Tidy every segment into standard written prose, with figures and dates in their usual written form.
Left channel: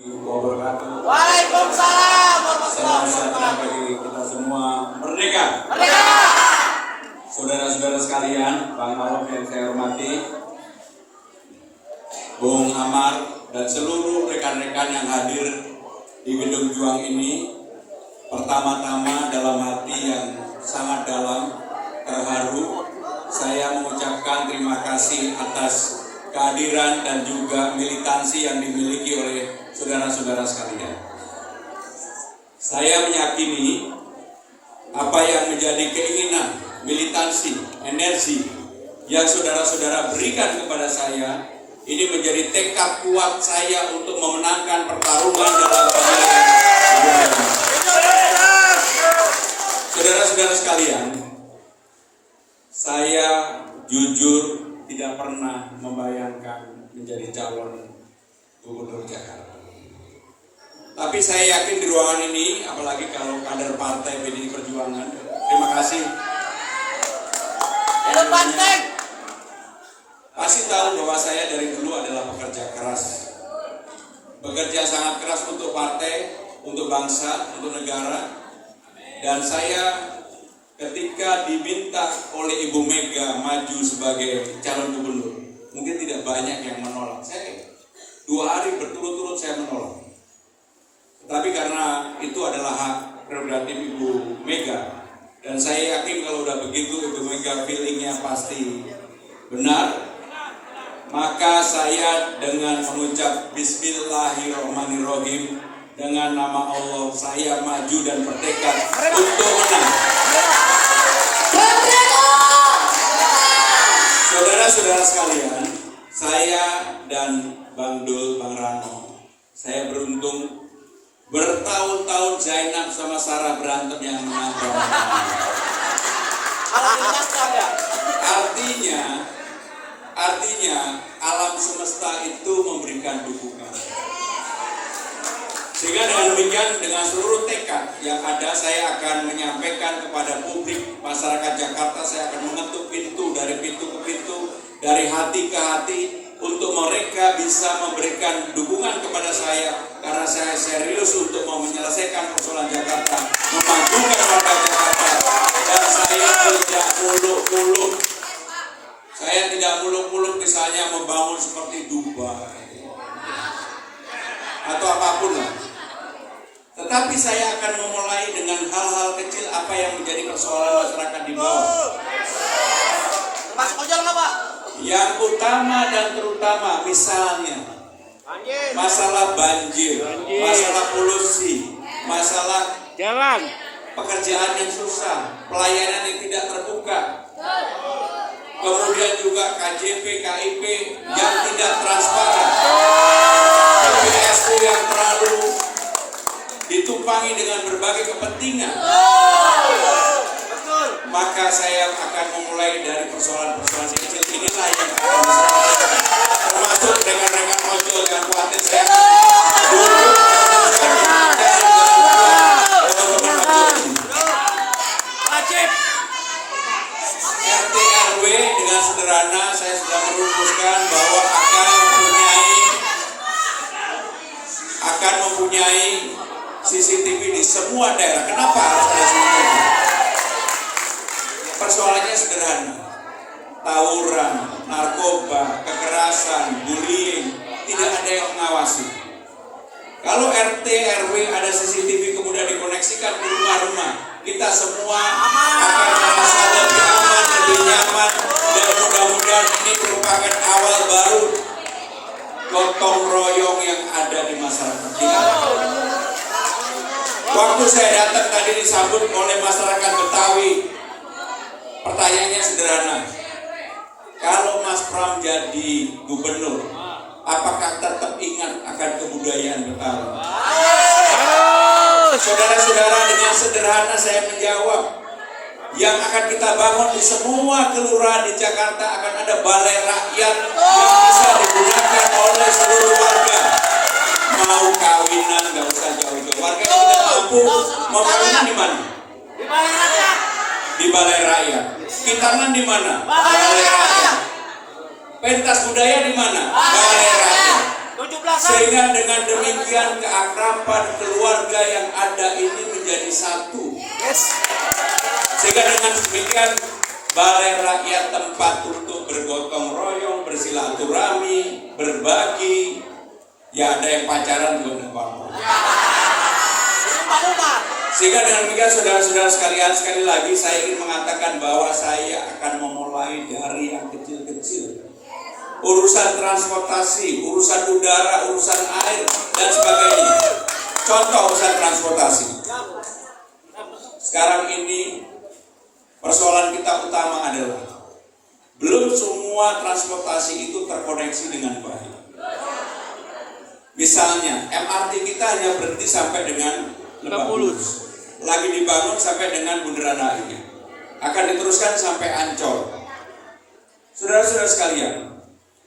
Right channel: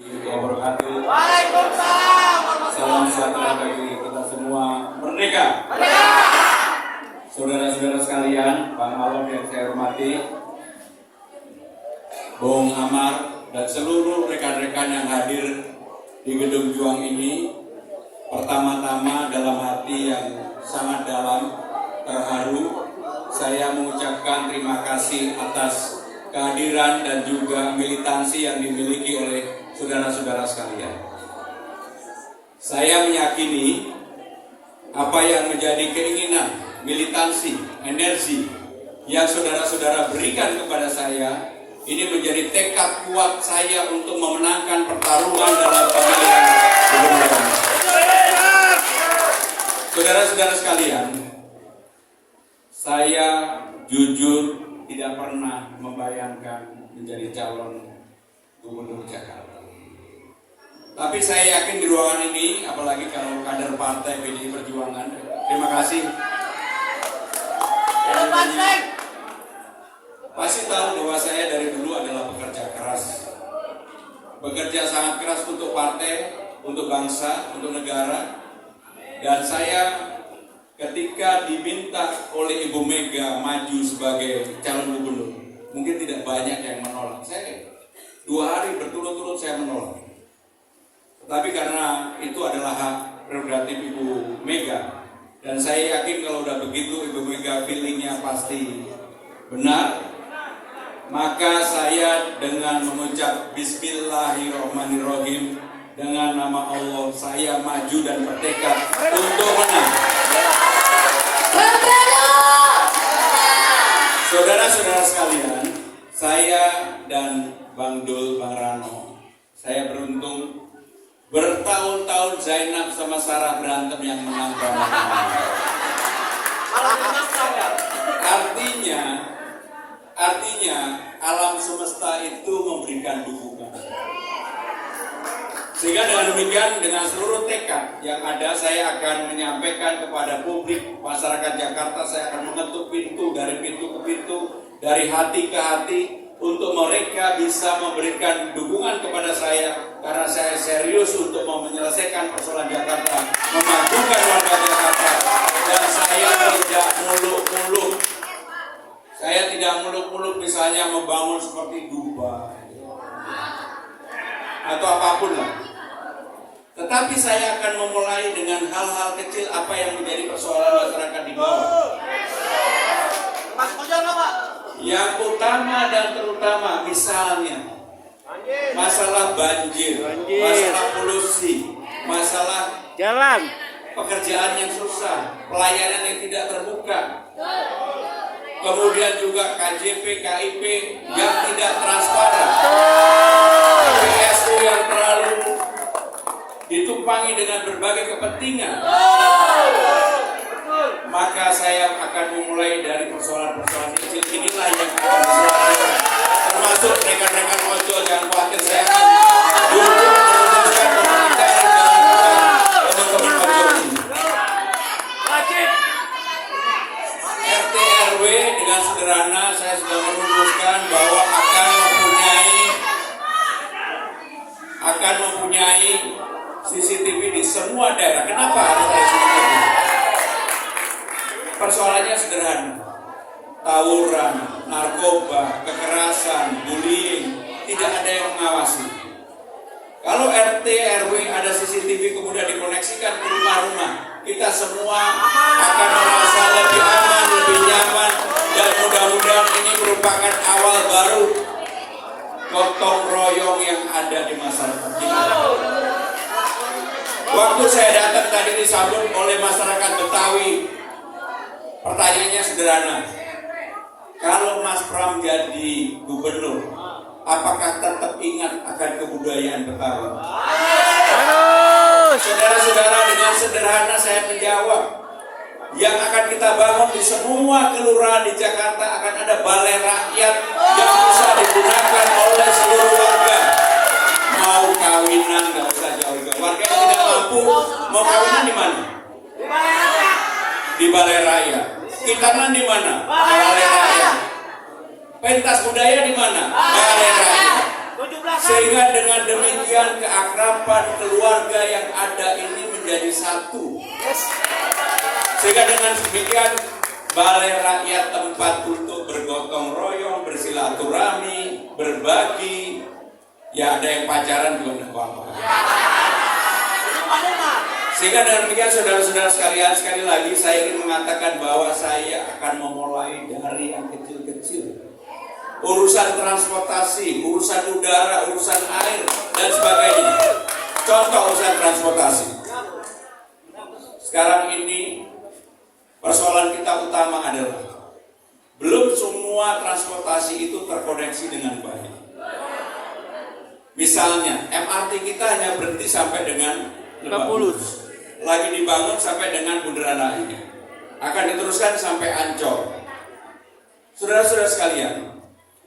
Wabarakatuh. Waalaikumsalam. Salam sejahtera bagi kita semua. Merdeka. Merdeka. Saudara-saudara sekalian, Bang Arif yang saya hormati, Bung Amar dan seluruh rekan-rekan yang hadir di Gedung Juang ini, pertama-tama dalam hati yang sangat dalam, terharu, saya mengucapkan terima kasih atas kehadiran dan juga militansi yang dimiliki oleh saudara-saudara sekalian. Saya meyakini apa yang menjadi keinginan, militansi, energi yang saudara-saudara berikan kepada saya, ini menjadi tekad kuat saya untuk memenangkan pertarungan dalam pemilihan. Saudara-saudara sekalian, saya jujur tidak pernah membayangkan menjadi calon gubernur Jakarta. Tapi saya yakin di ruangan ini, apalagi kalau kader partai PDI Perjuangan, terima kasih. Pasti tahu bahwa saya dari dulu adalah pekerja keras. Bekerja sangat keras untuk partai, untuk bangsa, untuk negara. Dan saya ketika diminta oleh Ibu Mega maju sebagai calon gubernur, mungkin tidak banyak yang menolak. Saya 2 hari berturut-turut saya menolak. Tetapi karena itu adalah hak prerogatif Ibu Mega, dan saya yakin kalau udah begitu Ibu Mega feelingnya pasti benar, maka saya dengan mengucap Bismillahirrahmanirrahim, dengan nama Allah saya maju dan bertekad untuk menang. Saudara-saudara sekalian, saya dan Bang Dul, Bang Rano, saya beruntung bertahun-tahun Zainab sama Sarah berantem yang menantang. Artinya alam semesta itu memberikan dukungan. Sehingga dengan demikian, dengan seluruh tekad yang ada, saya akan menyampaikan kepada publik masyarakat Jakarta, saya akan mengetuk pintu dari pintu ke pintu, dari hati ke hati, untuk mereka bisa memberikan dukungan kepada saya, karena saya serius untuk mau menyelesaikan persoalan Jakarta, memajukan warga Jakarta, dan saya tidak muluk-muluk. Saya tidak muluk-muluk misalnya membangun seperti Dubai atau apapun lah. Tetapi saya akan memulai dengan hal-hal kecil apa yang menjadi persoalan masyarakat di bawah. Yang utama dan terutama misalnya masalah banjir, masalah polusi, masalah Jalan. pekerjaan yang susah, pelayanan yang tidak terbuka, kemudian juga KJP, KIP yang tidak transparan, PSP yang terlalu ditumpangi dengan berbagai kepentingan. Maka saya akan memulai dari persoalan-persoalan kecil inilah yang akan diselesaikan. Termasuk rekan-rekan ojol yang khawatir, saya akan duduk dengan teman-teman ojol ini. RT RW dengan sederhana saya sudah merumuskan bahwa akan mempunyai CCTV di semua daerah. Kenapa harus ada CCTV? Persoalannya sederhana. Tawuran, narkoba, kekerasan, bullying, tidak ada yang mengawasi. Kalau RT RW ada CCTV kemudian dikoneksikan ke rumah-rumah, kita semua akan merasa lebih aman, lebih nyaman, dan mudah-mudahan ini merupakan awal baru gotong royong yang ada di masyarakat kita. Waktu saya datang tadi disambut oleh masyarakat Betawi. Pertanyaannya sederhana. Kalau Mas Pram jadi gubernur, apakah tetap ingat akan kebudayaan Betawi? Saudara-saudara, dengan sederhana saya menjawab, yang akan kita bangun di semua kelurahan di Jakarta akan ada balai rakyat yang bisa digunakan oleh seluruh warga. Mau kawinan nggak usah jauh-jauh. Warga yang tidak mampu mau kawinan di mana? Di balai rakyat. Di balai rakyat. Kitaman di mana? Balai rakyat. Pentas budaya di mana? Balai rakyat. Sehingga dengan demikian keakraban keluarga yang ada ini menjadi satu. Sehingga dengan demikian balai rakyat tempat untuk bergotong royong, bersilaturahmi, berbagi. Ya ada yang pacaran juga apa-apa. Sehingga dengan demikian saudara-saudara sekalian, sekali lagi saya ingin mengatakan bahwa saya akan memulai dari yang kecil-kecil. Urusan transportasi, urusan udara, urusan air, dan sebagainya. Contoh urusan transportasi. Sekarang ini persoalan kita utama adalah belum semua transportasi itu terkoneksi dengan baik. Misalnya MRT kita hanya berhenti sampai dengan Lebak Bulus. Lagi dibangun sampai dengan Bundaran HI. Akan diteruskan sampai Ancol. Saudara-saudara sekalian,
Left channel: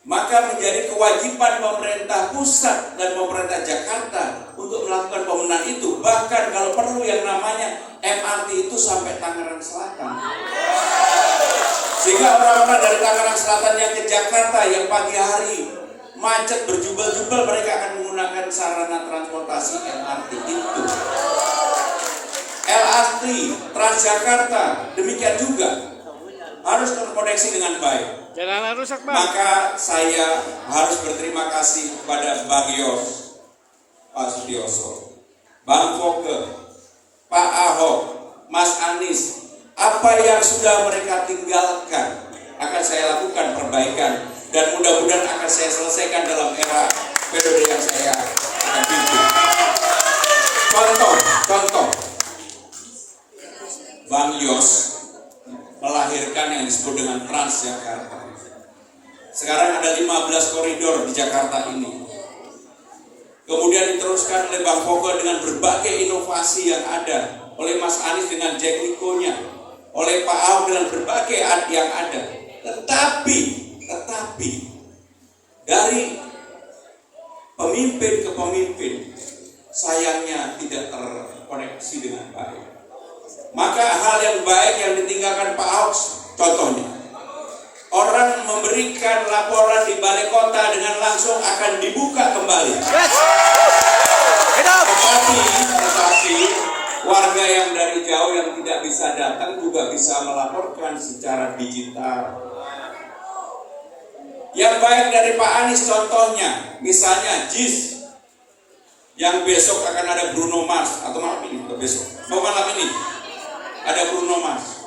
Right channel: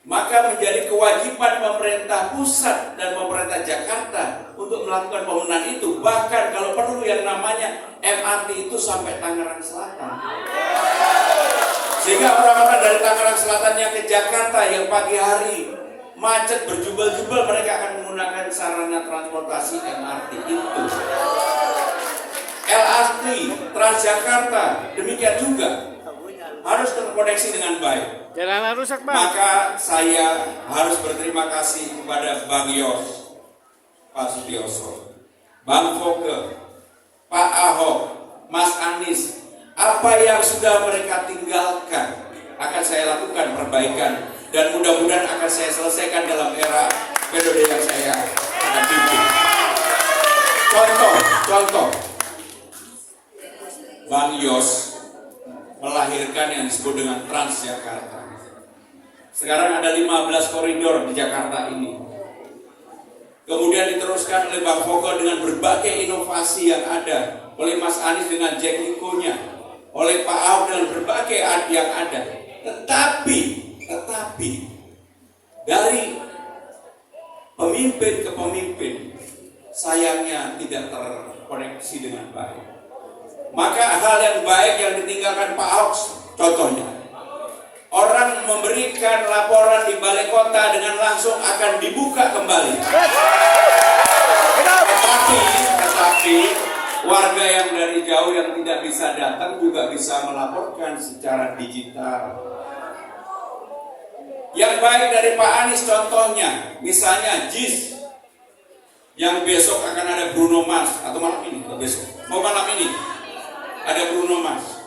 maka menjadi kewajiban pemerintah pusat dan pemerintah Jakarta untuk melakukan pembenahan itu. Bahkan kalau perlu yang namanya MRT itu sampai Tangerang Selatan. Sehingga orang-orang dari Tangerang Selatan yang ke Jakarta yang pagi hari macet berjubel-jubel, mereka akan menggunakan sarana transportasi MRT itu. LRT, Transjakarta, demikian juga harus terkoneksi dengan baik. Jalan rusak, Bang. Maka saya harus berterima kasih kepada Bang Yos, Pak Sutioso, Bang Foke, Pak Ahok, Mas Anies. Apa yang sudah mereka tinggalkan akan saya lakukan perbaikan dan mudah-mudahan akan saya selesaikan dalam era periode yang saya akan pimpin. Contoh, Bang Yos melahirkan yang disebut dengan Transjakarta. Sekarang ada 15 koridor di Jakarta ini. Kemudian diteruskan oleh Bang Foke dengan berbagai inovasi yang ada, oleh Mas Anies dengan Jack Niko-nya, oleh Pak Ahok dengan berbagai yang ada. Tetapi dari pemimpin ke pemimpin sayangnya tidak terkoneksi dengan baik. Maka hal yang baik yang ditinggalkan Pak Ahok, contohnya orang memberikan laporan di balai kota dengan langsung akan dibuka kembali. Tetapi warga yang dari jauh yang tidak bisa datang juga bisa melaporkan secara digital. Yang baik dari Pak Anies contohnya, misalnya JIS yang besok akan ada Bruno Mars atau malam ini atau besok, malam ini ada Bruno Mars.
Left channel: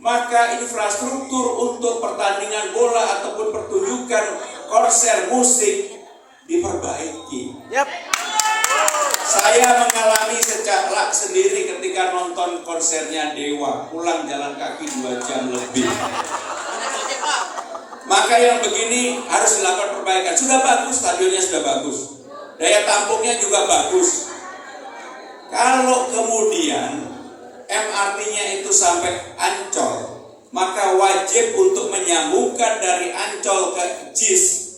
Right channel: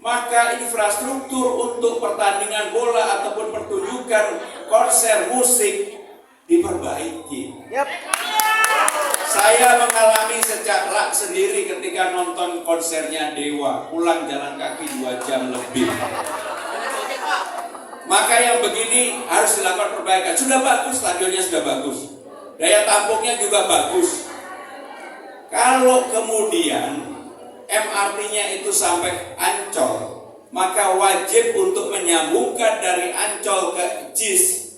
Maka infrastruktur untuk pertandingan bola ataupun pertunjukan konser musik diperbaiki. Saya mengalami secara sendiri ketika nonton konsernya Dewa, pulang jalan kaki 2 jam lebih. Maka yang begini harus dilakukan perbaikan. Sudah bagus, stadionnya sudah bagus, daya tampungnya juga bagus. Kalau kemudian MRT-nya itu sampai Ancol, maka wajib untuk menyambungkan dari Ancol ke JIS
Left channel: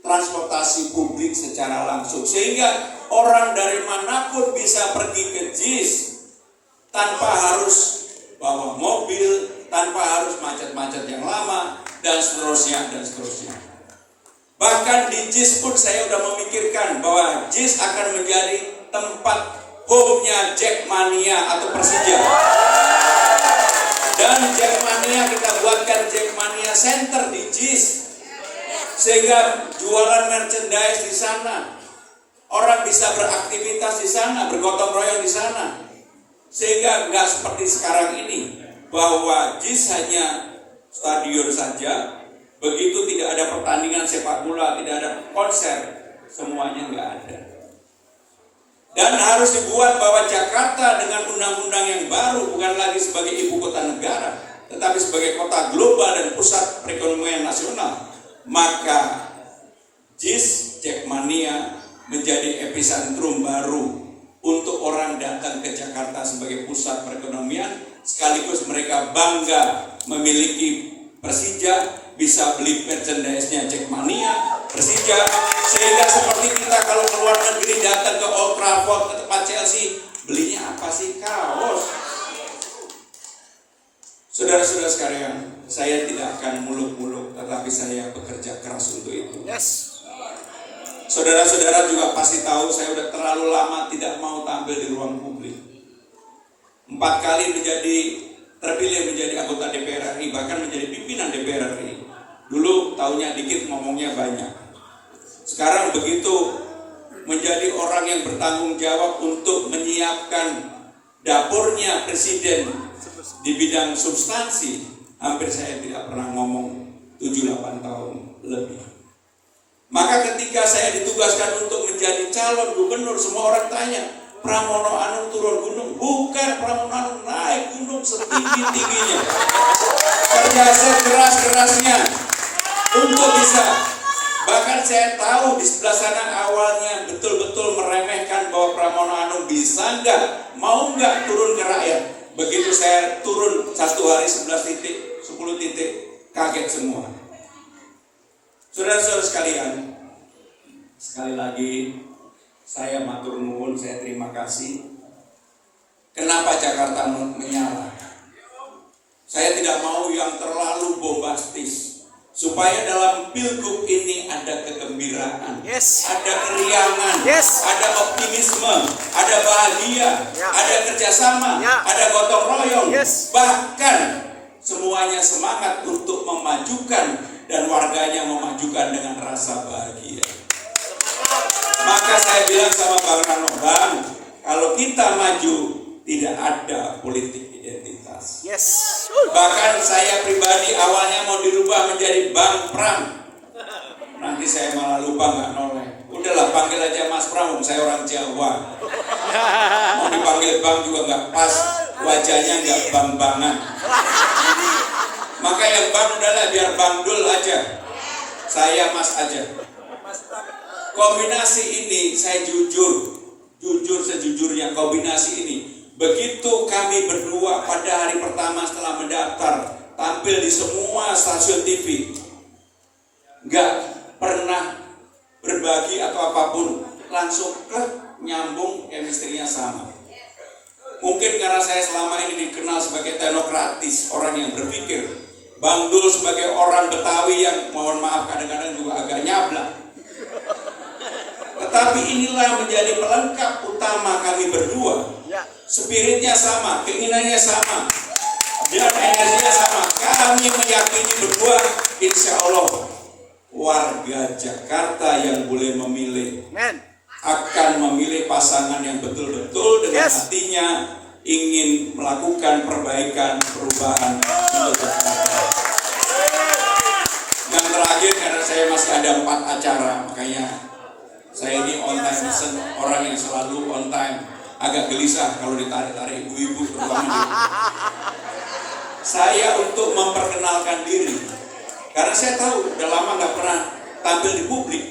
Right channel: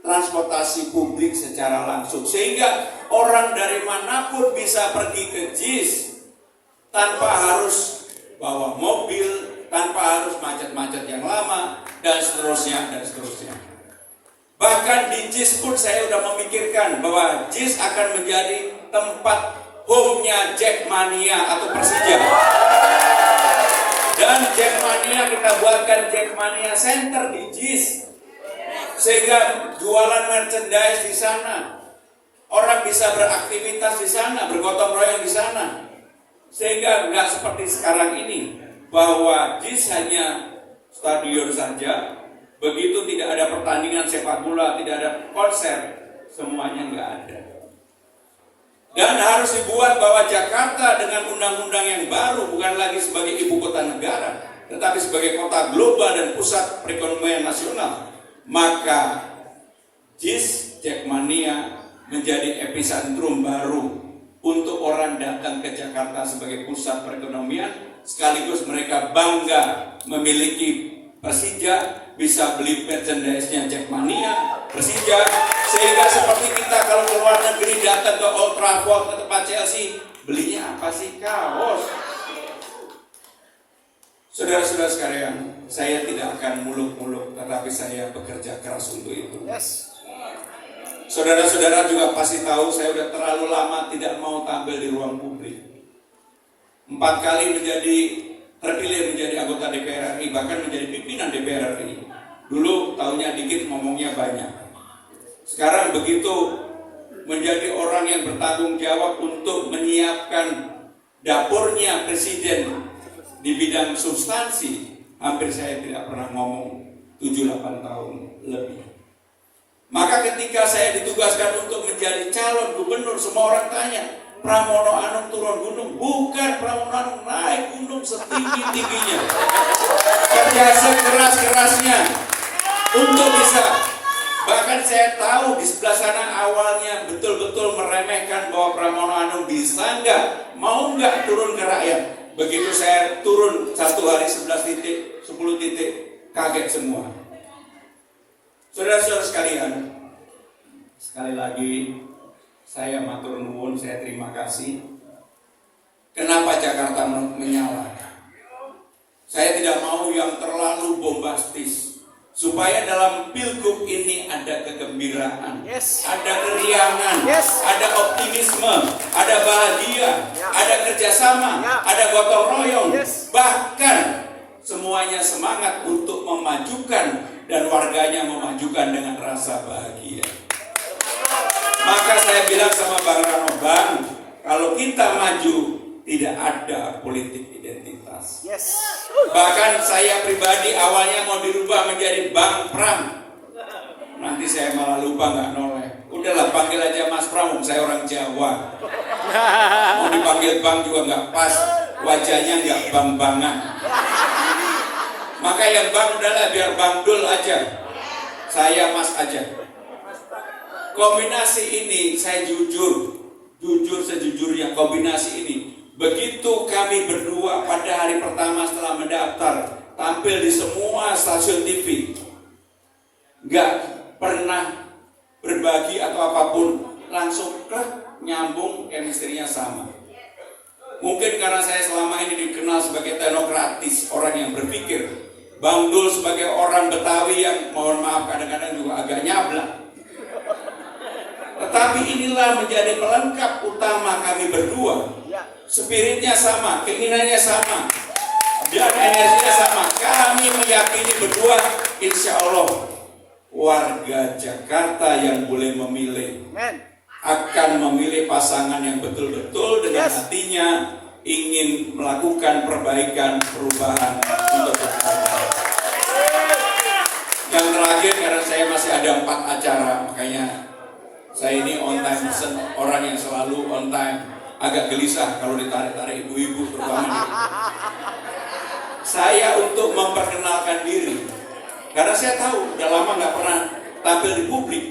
transportasi publik secara langsung, sehingga orang dari manapun bisa pergi ke JIS tanpa harus bawa mobil, tanpa harus macet-macet yang lama, dan seterusnya. Bahkan di JIS pun saya sudah memikirkan bahwa JIS akan menjadi tempat home-nya Jackmania atau Persija. Dan Jackmania kita buatkan Jackmania Center di JIS, sehingga jualan merchandise di sana, orang bisa beraktivitas di sana, bergotong royong di sana, sehingga nggak seperti sekarang ini bahwa JIS hanya stadion saja, begitu tidak ada pertandingan sepak bola, tidak ada konser, semuanya nggak ada. Dan harus dibuat bahwa Jakarta dengan undang-undang yang baru bukan lagi sebagai ibu kota negara, tetapi sebagai kota global dan pusat perekonomian nasional. Maka JIS Jackmania menjadi epicentrum baru untuk orang datang ke Jakarta sebagai pusat perekonomian, sekaligus mereka bangga memiliki Persija, bisa beli merchandise-nya Jackmania, Persija, sehingga seperti kita kalau ke luar negeri datang ke Old Trafford, ke tempat Chelsea, belinya apa sih? Kaos. Saudara-saudara sekalian, saya tidak akan muluk-muluk, tetapi saya bekerja keras untuk itu. Saudara-saudara juga pasti tahu saya sudah terlalu lama tidak mau tampil di ruang publik. 4 kali terpilih menjadi anggota DPR RI, bahkan menjadi pimpinan DPR RI. Dulu tahunya dikit, ngomongnya banyak. Sekarang begitu menjadi orang yang bertanggung jawab untuk menyiapkan dapurnya presiden di bidang substansi, hampir saya tidak pernah ngomong 7-8 tahun lebih. Maka ketika saya ditugaskan untuk menjadi calon gubernur, semua orang tanya, Pramono Anung turun gunung? Bukan, Pramono Anung naik gunung setinggi-tingginya. Kerja sekeras-kerasnya untuk bisa. Bahkan saya tahu di sebelah sana awalnya betul-betul meremehkan bahwa Pramono Anung bisa nggak, mau nggak turun ke rakyat. Begitu saya turun satu hari 11 titik, 10 titik, kaget semua. Saudara-saudara sekalian, sekali lagi saya matur nuwun, saya terima kasih. Kenapa Jakarta menyala? Saya tidak mau yang terlalu bombastis, supaya dalam pilgub ini ada kegembiraan, ada keriangan, ada optimisme, ada bahagia, ada kerjasama, ada gotong royong, bahkan semuanya semangat untuk memajukan dan warganya memajukan dengan rasa bahagia. Maka saya bilang sama Bang Rano, Bang, kalau kita maju tidak ada politik identitas. Bahkan saya pribadi awalnya mau dirubah menjadi Bang Pram. Nanti saya malah lupa nggak noleh. Udahlah panggil aja Mas Pram, saya orang Jawa. Mau dipanggil Bang juga nggak pas, wajahnya nggak bang-bangan. Maka yang Bang udahlah biar Bang Dul aja. Saya Mas aja. Kombinasi ini saya jujur sejujurnya kombinasi ini. Begitu kami berdua pada hari pertama setelah mendaftar tampil di semua stasiun TV, nggak pernah berbagi atau apapun, langsung nyambung, chemistry-nya sama. Mungkin karena saya selama ini dikenal sebagai teknokratis, orang yang berpikir. Bang Dul sebagai orang Betawi yang mohon maaf kadang-kadang juga agak nyablak. Tetapi inilah menjadi pelengkap utama kami berdua. Spiritnya sama, keinginannya sama, dan energinya sama. Kami meyakini berdua, insya Allah warga Jakarta yang boleh memilih akan memilih pasangan yang betul-betul dengan hatinya ingin melakukan perbaikan, perubahan untuk Jakarta. Yang terakhir, karena saya masih ada 4 acara, makanya saya ini on time person, orang yang selalu on time. Agak gelisah kalau ditarik-tarik ibu-ibu terutama. Saya untuk memperkenalkan diri, karena saya tahu udah lama nggak pernah tampil di publik.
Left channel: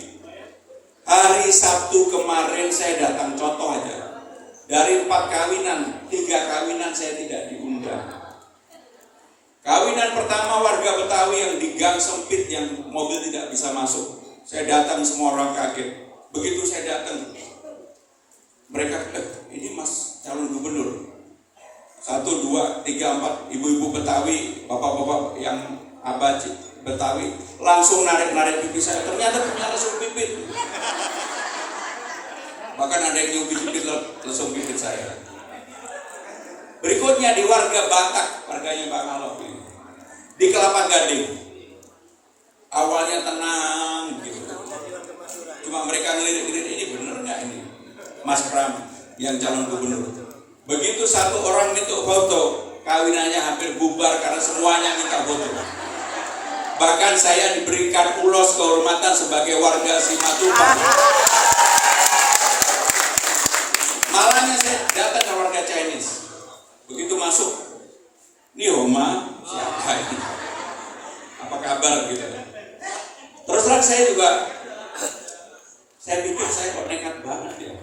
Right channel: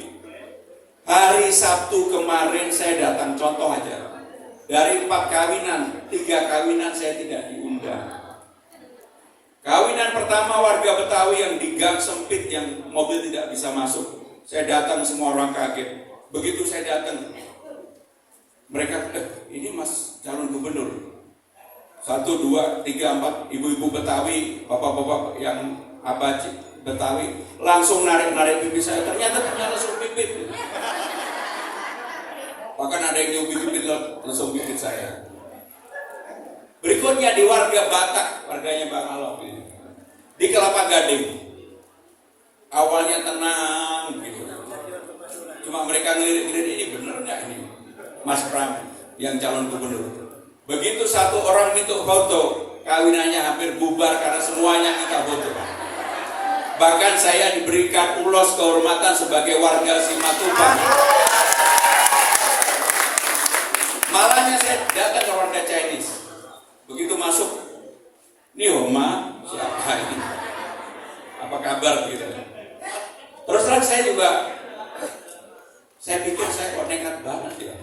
Hari Sabtu kemarin saya datang, contoh aja. Dari 4 kawinan, 3 kawinan saya tidak diundang. Kawinan pertama warga Betawi yang di gang sempit yang mobil tidak bisa masuk. Saya datang, semua orang kaget. Begitu saya datang, mereka, ini Mas calon gubernur. 1, 2, 3, 4 ibu-ibu Betawi, bapak-bapak yang abaji Betawi langsung narik pipi saya. Ternyata punya lesung pipit. Bahkan ada yang nyubit-nyubit lesung pipit saya. Berikutnya di warga Batak, warganya Bang Alof ini, di Kelapa Gading. Awalnya tenang gitu. Cuma mereka ngelirik-ngelirik, ini bener nggak ini Mas Pram yang calon gubernur. Begitu satu orang minta foto, kawinannya hampir bubar karena semuanya minta foto. Bahkan saya diberikan ulos kehormatan sebagai warga Simatupang. Malahnya saya datang ke warga Chinese. Begitu masuk, ini Oma, siapa ini? Apa kabar gitu. Terus terang saya pikir saya kok nekat banget ya.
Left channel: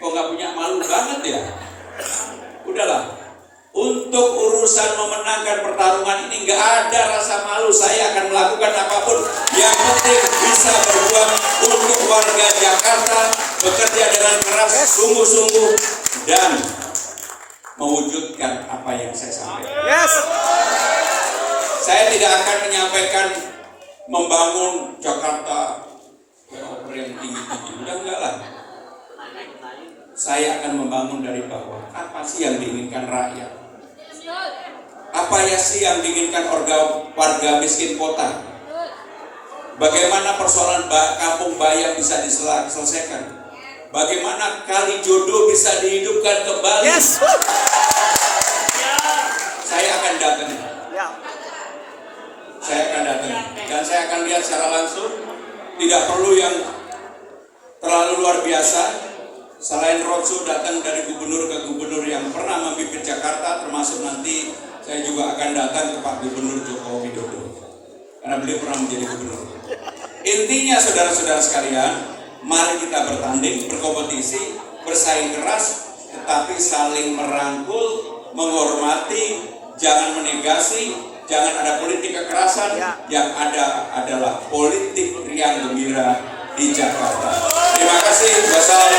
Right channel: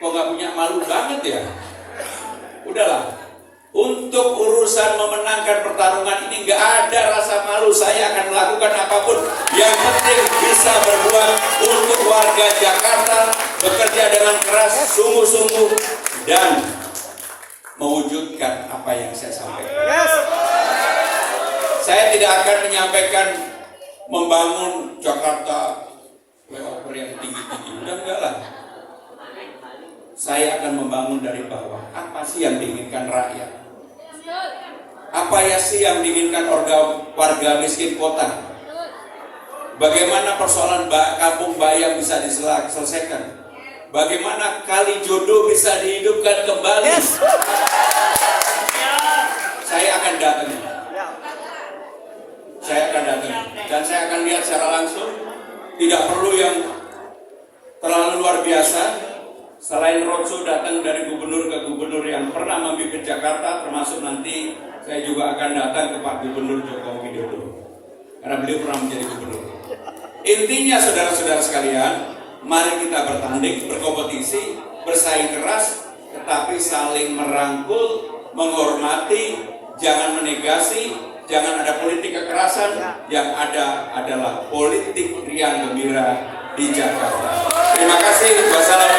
Kok gak punya malu banget ya. Udahlah, untuk urusan memenangkan pertarungan ini gak ada rasa malu. Saya akan melakukan apapun. Yang penting bisa berjuang untuk warga Jakarta, bekerja dengan keras, sungguh-sungguh, dan mewujudkan apa yang saya sampaikan. Saya tidak akan menyampaikan membangun Jakarta flyover yang tinggi-tinggi. Enggak lah. Saya akan membangun dari bawah. Apa sih yang diinginkan rakyat? Apa ya sih yang diinginkan warga miskin kota? Bagaimana persoalan kampung bayam bisa diselesaikan? Bagaimana kali jodoh bisa dihidupkan kembali? Yes. Saya akan datang. Saya akan datang. Dan saya akan lihat secara langsung. Tidak perlu yang terlalu luar biasa. Selain roadshow datang dari gubernur ke gubernur yang pernah memimpin Jakarta, termasuk nanti saya juga akan datang ke Pak Gubernur Joko Widodo. Karena beliau pernah menjadi gubernur. Intinya saudara-saudara sekalian, mari kita bertanding, berkompetisi, bersaing keras, tetapi saling merangkul, menghormati, jangan menegasi, jangan ada politik kekerasan, yang ada adalah politik riang gembira di Jakarta. Terima kasih. Wassalamualaikum.